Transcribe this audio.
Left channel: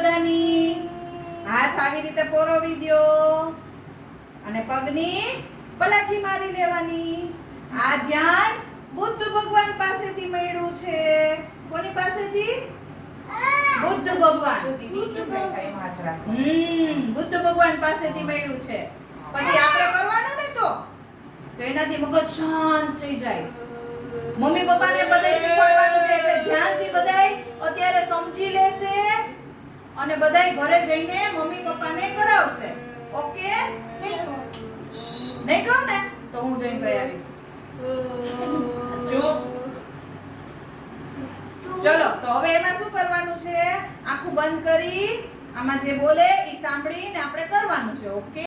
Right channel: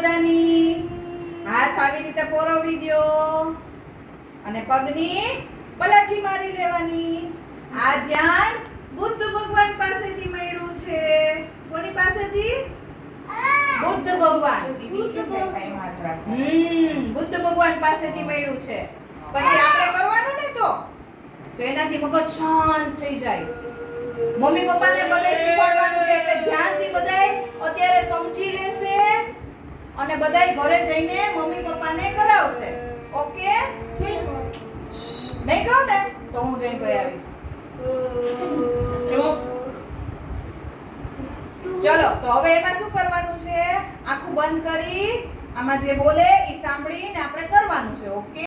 બધાની હાથ આવી રીતે પોરવી દો અને પગની પલાઠી મારી લેવાની આ ધ્યાન બુદ્ધ ભગવાન પાસેથી મળ્યું છે કોની પાસેથી બુદ્ધ ભગવાન બુદ્ધ ભગવાન પાસેથી મળ્યું છે પછી આપણે કરવાનું ને તો એનાથી મગજ શાંત થઈ જાય મમ્મી પપ્પાને બધાય શીખવાડવાનું છે એટલે ધ્યાનથી બધાય અત્યારે સમજી લેશે અને બધાય ઘરે જઈને મમ્મી પપ્પાને કરાવશે ઓકે નહીં કહું ને તો હું જઈને કહી આવીશ ચલો તો હવે એમાં શું કરવાનું છે આંખું બંધ કરી આમાં જે બોલે એ સાંભળીને આપણે કરવાનું છે ઓકે